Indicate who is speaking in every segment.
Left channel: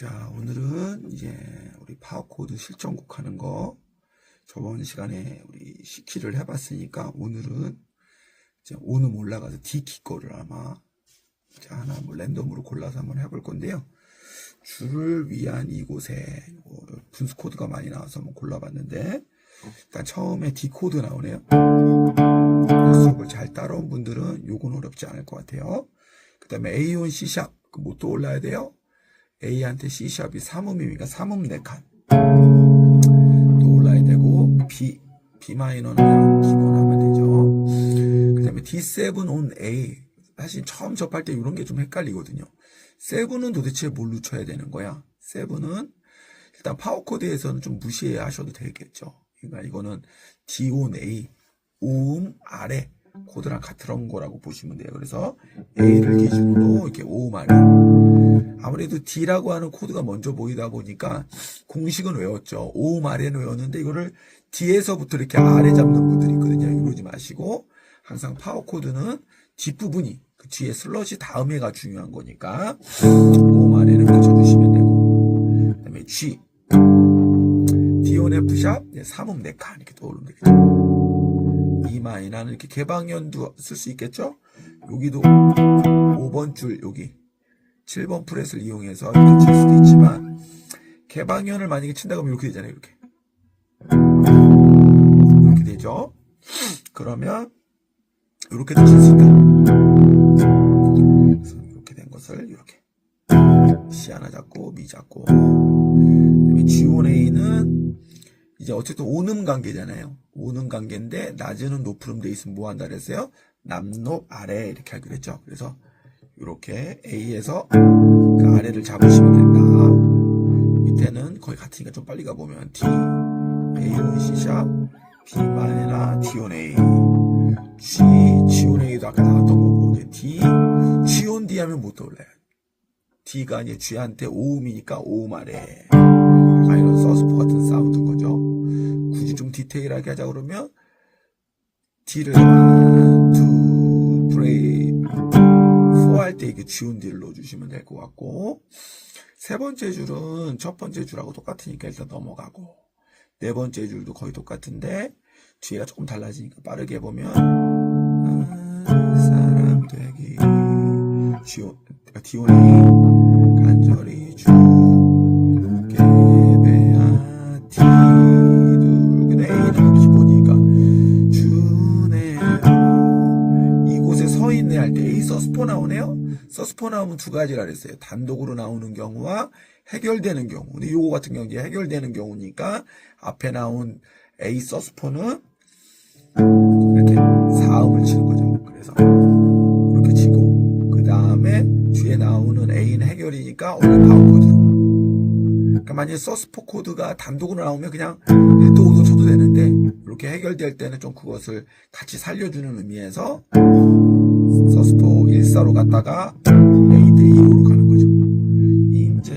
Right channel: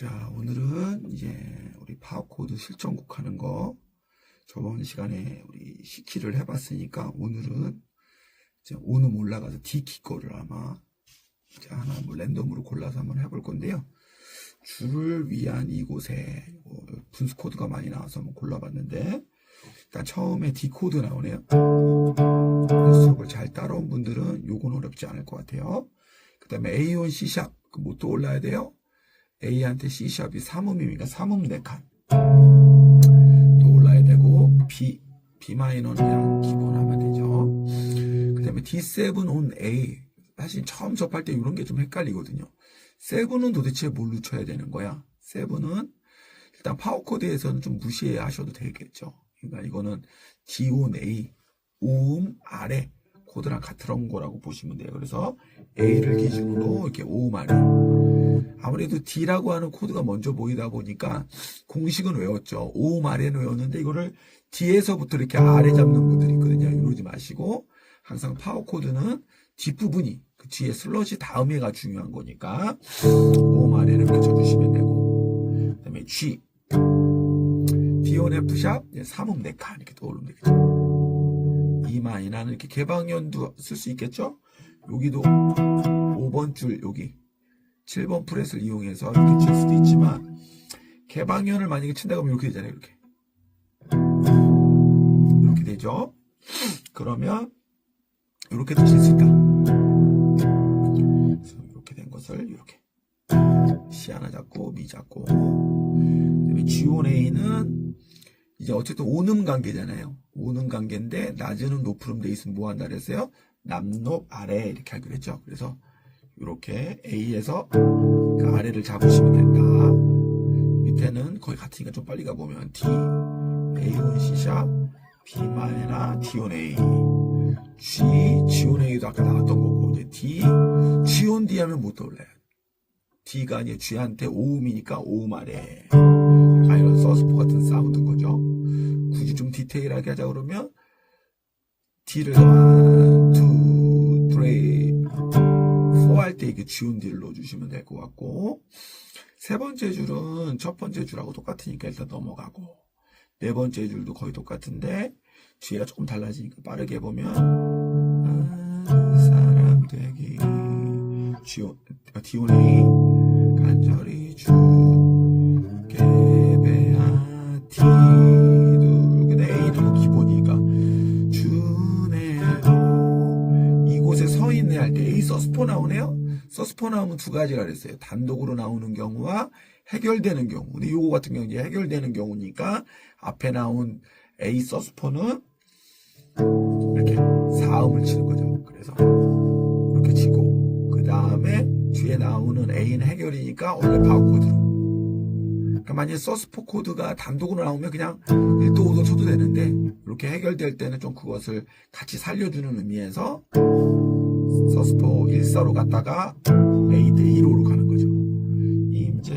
Speaker 1: 자, 오늘은 이제 우리 파워코드 실전곡 하는 거 저번 시간에 우리 시키를 해봤으니까 오늘은 이제 오늘 올라가서 D키 거를 아마 자, 하나 뭐 랜덤으로 골라서 한번 해볼 건데요. 줄을 위한 이곳에 뭐 분수 코드가 많이 나와서 한번 골라봤는데 일단 처음에 D 코드 나오네요. 수업을 잘 따라온 분들은 요건 어렵지 않을 것 같아요. 그 다음에 A1 C샵 그 뭐 또 올라야 돼요. A한테 C샵이 삼음이니까 삼음 4칸 또 올라야 되고 B, B 마이너는 그냥 기본 하면 되죠. 그 다음에 D7 on A 사실 처음 접할 때 이런 게 좀 헷갈리거든요. 7은 도대체 뭘로 쳐야 되는 거야? 7은 일단 파워코드에서는 좀 무시하셔도 되겠죠. 그러니까 이거는 D on A 오음 아래 코드랑 같은 거라고 보시면 돼요. 그래서 A를 기준으로 이렇게 오음 아래 아무래도 D라고 하는 코드가 먼저 보이다 보니까 공식은 외웠죠. 오음 아래는 외웠는데 이거를 D에서부터 이렇게 아래 잡는 분들이 있거든요. 이러지 마시고 항상 파워 코드는 뒷부분이 그 뒤에 슬롯이 다음에가 중요한 거니까 오음 아래를 붙여주시면 되고 그 다음에 G D1 F샵 삼음 4칸 이렇게 떠오르면 되겠죠. 이 마이너는 이렇게 개방연도 쓸 수 있겠죠. 여기도 5번 줄 여기 7번 프렛을 이용해서 이렇게 칠 수도 있지만 개방현을 만약에 친다 그러면 이렇게 되잖아요. 이렇게 이렇게 되죠. 그러면 이렇게도 칠 수 있다. 이렇게 된 것을 이렇게 C 하나 잡고 미 잡고 그다음에 G1A는 이제 어쨌든 오는 관계잖아요. 오는 관계인데 낮은 높음 돼 있으면 뭐 한다 그랬어요? 남높 아래 이렇게 하기로 했죠. 그래서 이렇게 A에서 그 아래를 잡으시면 된다. 밑에는 거의 같으니까 좀 빨리 가보면 D, A1 C샵, B 마이너, D1 A, G, G1 A도 아까 나왔던 거고 이제 D, G1 D 하면 못 떠올라요. D가 아니라 G한테 오음이니까 오음 아래. 아, 이런 서스포 같은 디테일하게 하자 그러면 D를 1, 2, 3, 4 할 때 이게 G운 D를 넣어주시면 될 것 같고 세 번째 줄은 첫 번째 줄하고 똑같으니까 일단 넘어가고 네 번째 줄도 거의 똑같은데 뒤가 조금 달라지니까 빠르게 보면 아, 사람 되기 G온, D온 A 간절히 서스포 나오네요. 서스포 나오면 두 가지라 그랬어요. 단독으로 나오는 경우와 해결되는 경우. 근데 요거 같은 경우 이제 해결되는 경우니까 앞에 나온 A 서스포는 이렇게 사음을 치는 거죠. 그래서 이렇게 치고 그 다음에 뒤에 나오는 A는 해결이니까 원래 파워 코드로. 그러니까 만약에 서스포 코드가 단독으로 나오면 그냥 1도 5도 쳐도 되는데 이렇게 해결될 때는 좀 그것을 같이 살려주는 의미에서 서스포 1사로 갔다가 A 대 2로로 가는 거죠. 임제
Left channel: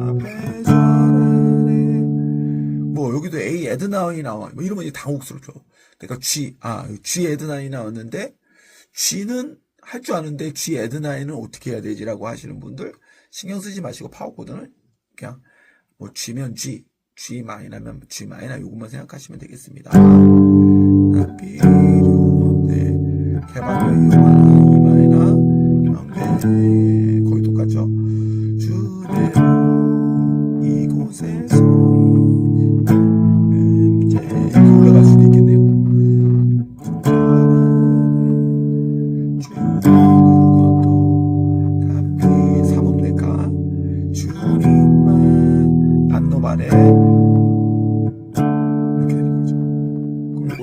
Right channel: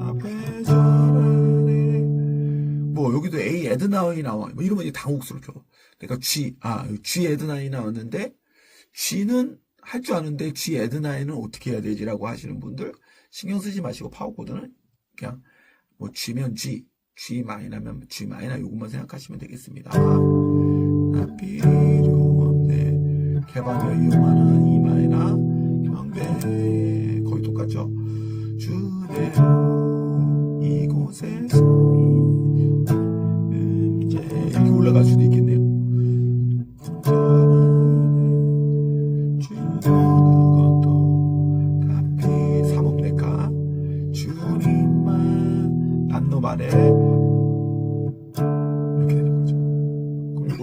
Speaker 1: 앞에 서라네 뭐 여기도 A 에드나이 나와 뭐 이러면 이제 당혹스럽죠. 그러니까 G 아 G 에드나이 나왔는데 G는 할 줄 아는데 G 에드나이는 어떻게 해야 되지라고 하시는 분들 신경 쓰지 마시고 파워 코드는 그냥 뭐 G면 G, G 마이너면 G 마이너 요것만 생각하시면 되겠습니다. 나필 개방료 이용하는 마이너 경배 거의 똑같죠. 주대로 이곳에서 주님만 난노말에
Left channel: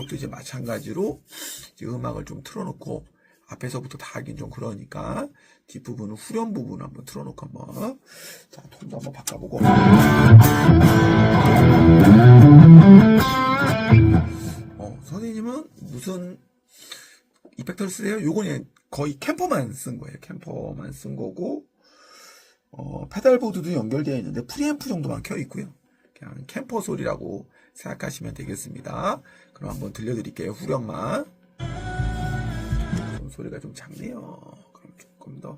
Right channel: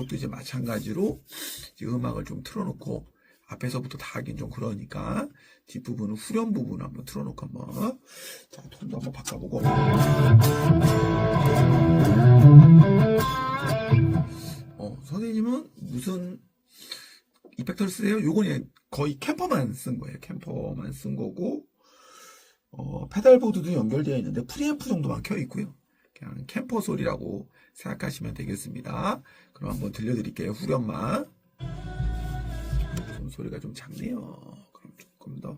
Speaker 1: 이것도 이제 마찬가지로 이제 음악을 좀 틀어놓고 앞에서부터 다 하긴 좀 그러니까 뒷부분은 후렴 부분 한번 틀어놓고 한번 자 톤도 한번 바꿔보고 어 선생님은 무슨 이펙터를 쓰세요? 요건 거의 캠퍼만 쓴 거예요. 캠퍼만 쓴 거고 어, 페달보드도 연결되어 있는데 프리앰프 정도만 켜 있고요. 그냥 캠퍼 소리라고 생각하시면 되겠습니다. 그럼 한번 들려드릴게요. 후렴만. 좀 소리가 좀 작네요. 그럼 조금 더.